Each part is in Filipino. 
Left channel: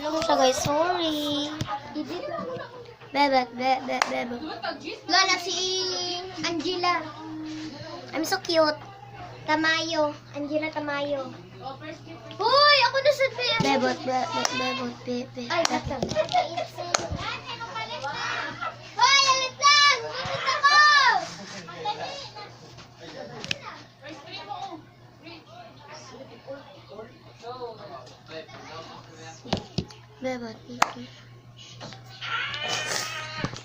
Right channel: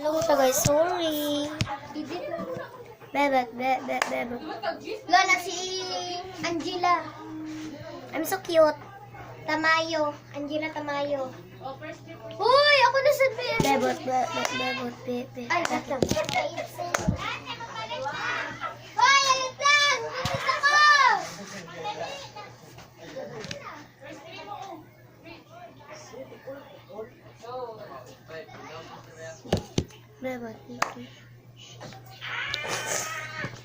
Alam mo siya guys, sorry. Bebet. Lola, si Angela. I'm so cute. Tamayo. Angela Tamayo. Uy, ako na sa Bebot. Ay, ito. Hoy, alit lang! Bumapit ako! Bebot.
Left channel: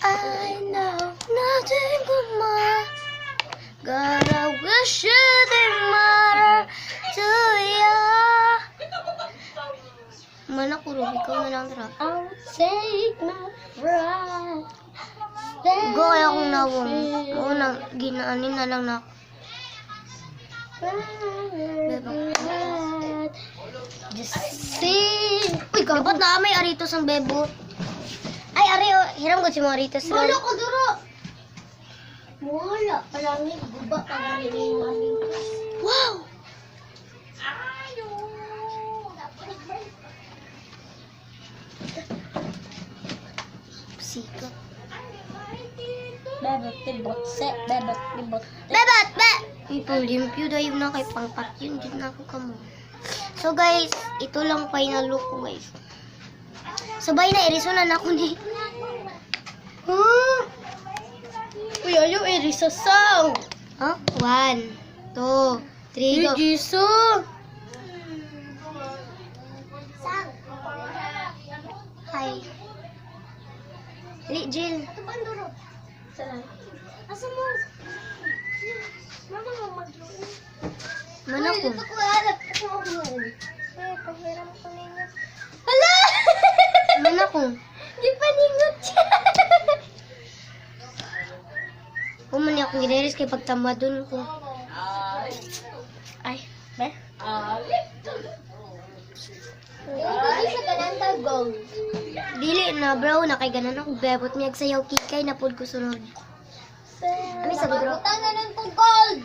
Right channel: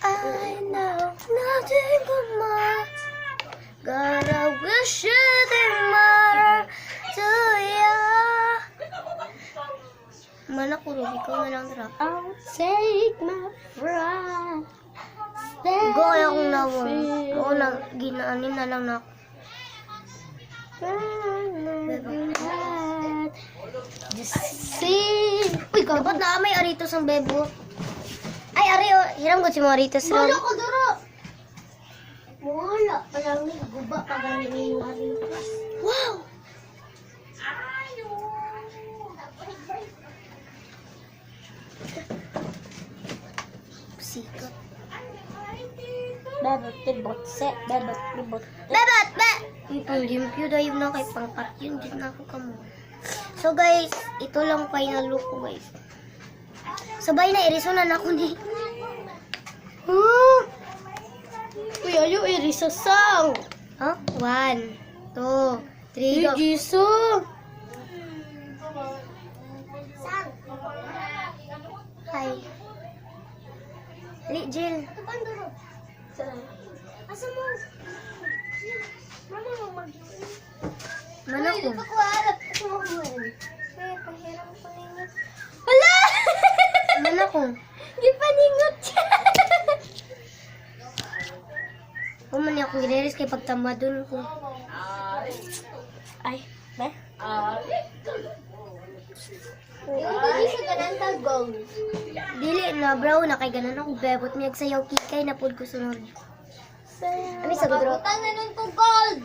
I know nothing but more. God, I wish you didn't matter to ya. Mana ko, Ruby, ikaw na lang tara. I'll take my breath. Go kaya akong nawon. Oo, ginaanin na lang na. Just sing. Uy, Dapat na may aritos ang bebo. Ay, ari, oh, hiram ko si mga aritos lang. Wala ko duro. Wala. Palangin, guba pa rin yung aring. Wow! Sikat. Bebot, tibotse. Bebot, tibotse. Bebot, May pang-limpyo dahil na kay pangpat yun. Dito na ako kamo. So guys, ito lang final look ko guys. Sabay na, irisonan ako ni. Uy, ayaw sa song. Oh, 1, 2, 3, go. Jisa. Hi. Li, Jill. Saan? Asa mo? Mama mo mag... Mana ko? Ito ko harap. Ito mo mo. Pahiram ko ninyo. Hala! Mana ko? Di pa ningot siya. Kumani akong gineris kay pagtamadon ko. Ay, be? Yung hindi siya ganang tagong. Dili na, bro. Na kay ganan ako. Bebot niya sayaw kikay na pod ko sunod. Ano sa bro? Tangan ng to gold.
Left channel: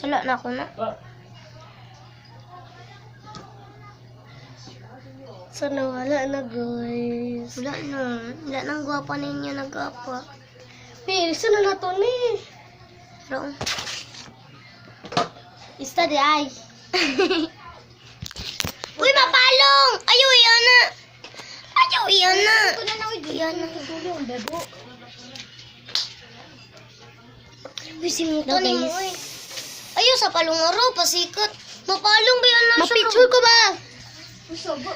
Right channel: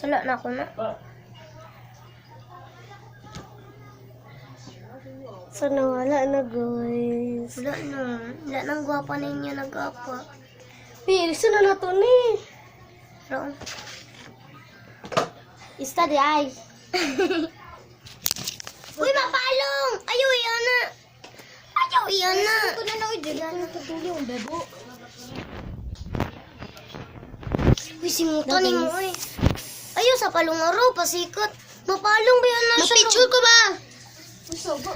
Sala na ako na. So, nawala na, guys. Wala na. Wala nang gwapa ninyo nag-apa. Pilso na to ni. Pero, Study ay. uy, mapalong! Ayaw, iyan na! Ayaw, iyan na! Ito na uy. Ganyan na tutuloy yung bebo. Uy, simutan No, mo, guys. uy. Ayaw, sa palungaro, pasikat. Mapalong ba yan na siya? Mapicture ko ba? Usobo.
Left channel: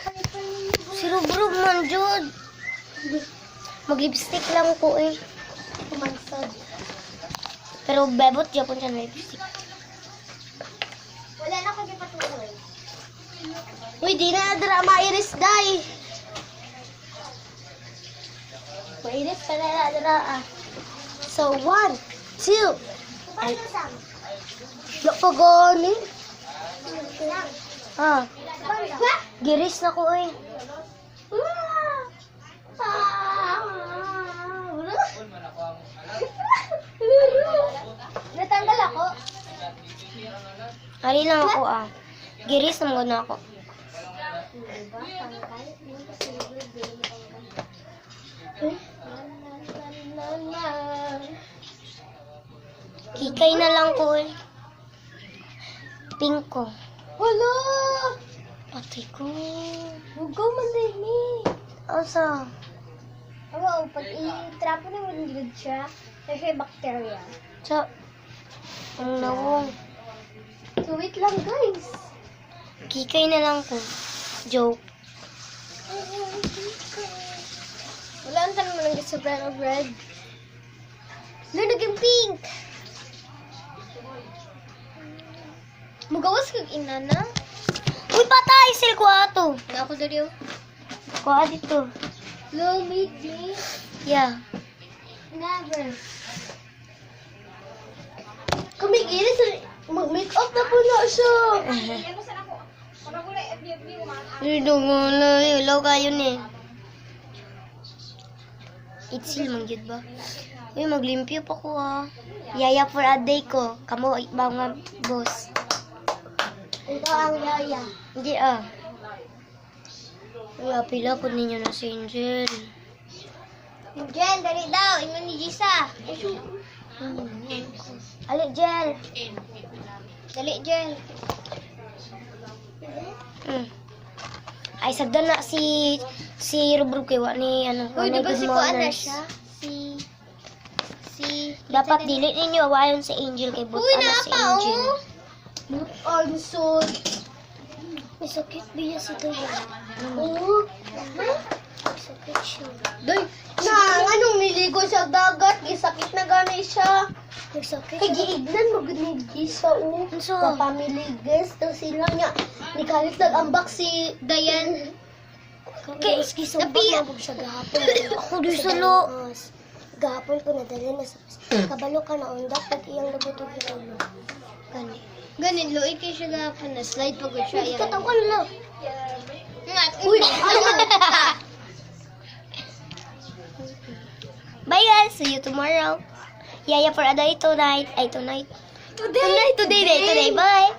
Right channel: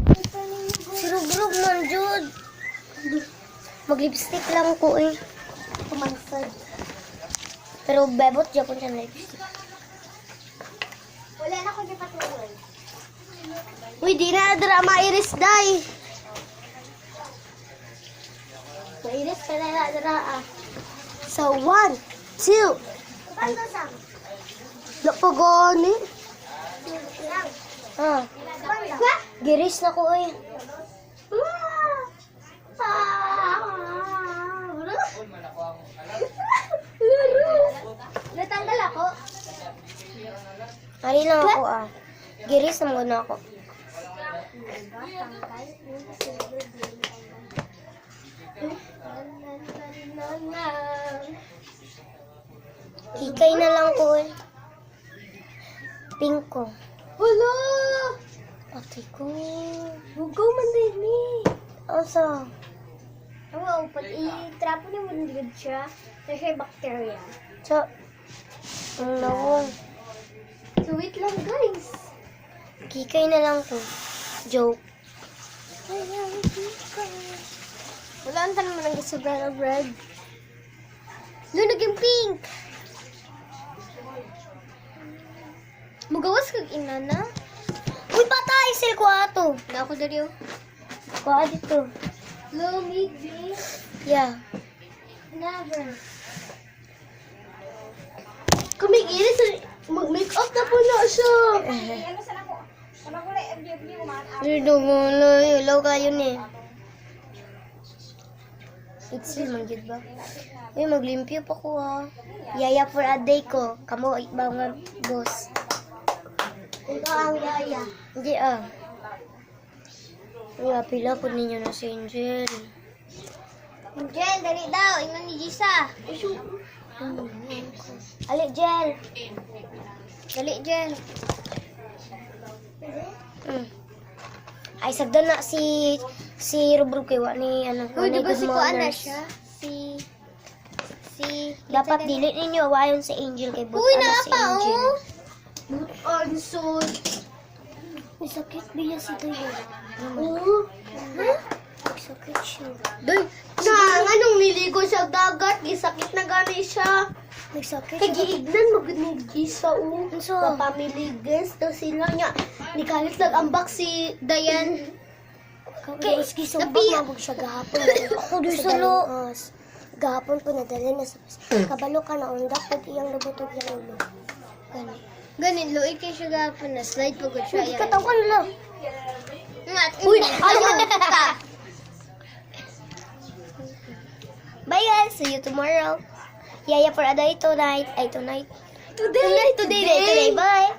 Si Rubrub man, Jod. Mag-lipstick lang ko, eh. Kumansad. Pero bebot, Japon siya na lipstick. Wala na ko di patuloy. Uy, di na drama iris day. Iris ka na drama. So, 1, 2. Ay. Napagani. Ah, giris na ko, eh. Natanggal ako. Ari lang ako, ah. Giris na muna ako. Kikay na lang ko, eh. Pink ko. Hello! Patay ko. Hugaw man na ni. Asa? Oo, pag i-trapo na mo nilid siya, kasi bacteria. Sa... Ang nawong. So, wait lang guys. Kikay na lang ko. Joke. Wala ang tanong lang sa brand of red. Lunag yung pink. Magawas kag ina na. Uy, patay! Sil ko ato. Na ako dali oh. Kuha dito. Lumig ni. Yeah. Never. Kumigilis. Mag-make up na po na siya. Dito mo na. Ilaw kayo ni. Itsil man yun ba? Uy, maglimpyo pa ko ah. Yaya for a day ko. Kamo, mga boss. Ito ang gaya. Hindi ah. Uy, pila po ninyo na si Angel. Jen, dali daw. Ingon ni Jisa. Ali, Jel. Dali, Jen. Ay, sagdan na si Rubrug kay wa ni ano, wa Uy, ni di ba good si Kuana manners. siya? Si... Dapat dili ninyo awayon si Angel kay but Uy, ana si naapa, Angel. oh. Anson. May sakit biya si Toyo. Oo. May sakit siya. Day, anong niligo sa dagat? Isakit na gani siya. May sakit Kaya giignan mo ganit isa o. Anso? Papamiligas daw sila niya. Nikalit nag-ambak si Dayan. Kay napiya siya gahapon. Ako di sa lo. Gahapon po nadali na sa kabalo ka na undak pag iyang nabutog na ulo. Gani. Ganit lo, ikay siya gahapon na slide po siya. Katawan lang. Uy, ayun. Bye guys, see you tomorrow. Yaya for a day tonight. Ay tonight. Today. Bye.